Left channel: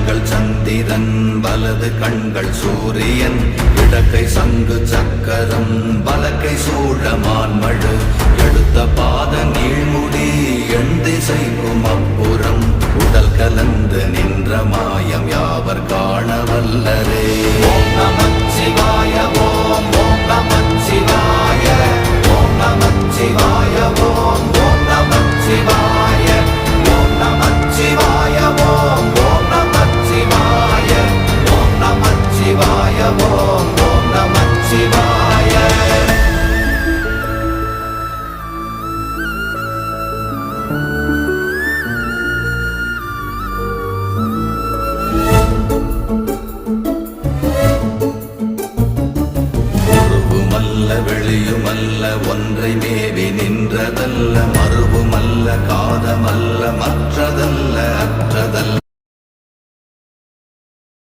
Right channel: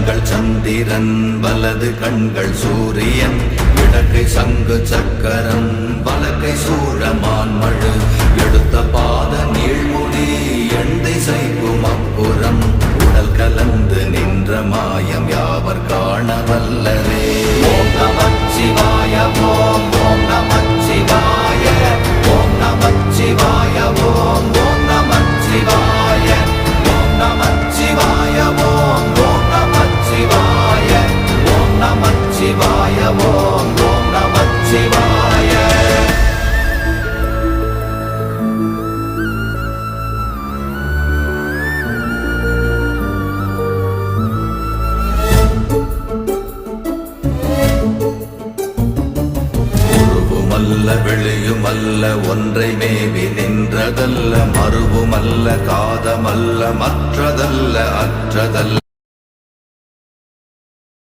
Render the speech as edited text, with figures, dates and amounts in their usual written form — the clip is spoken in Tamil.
கண்கள் சந்திரன் வலது கண்கள் சூரியன் இடக்கை சங்கு சக்கரம் வலக்கை சூழமான்மழு எடுத்த பாத நீழ்முடி எண் திசைக்கும் அப்புறம் உடல் கலந்து நின்ற மாயம் யாவர் காண வல்லரே. ஓம் நமச்சிவாய ஓம் ஓம் நமச்சிவாய ஓம் நமச்சிவாய ஓம் ஓம் நமச்சிவாய ஓம் நமச்சிவாய ஓம் ஓம் நமச்சிவாய ஓம் நமச்சிவாய ஓம் ஓம் நமச்சிவாய. வெளியுமல்ல ஒன்றை மேவி நின்றதல்ல மறுவுமல்ல காதமல்ல மற்றதல்ல அற்றதல்ல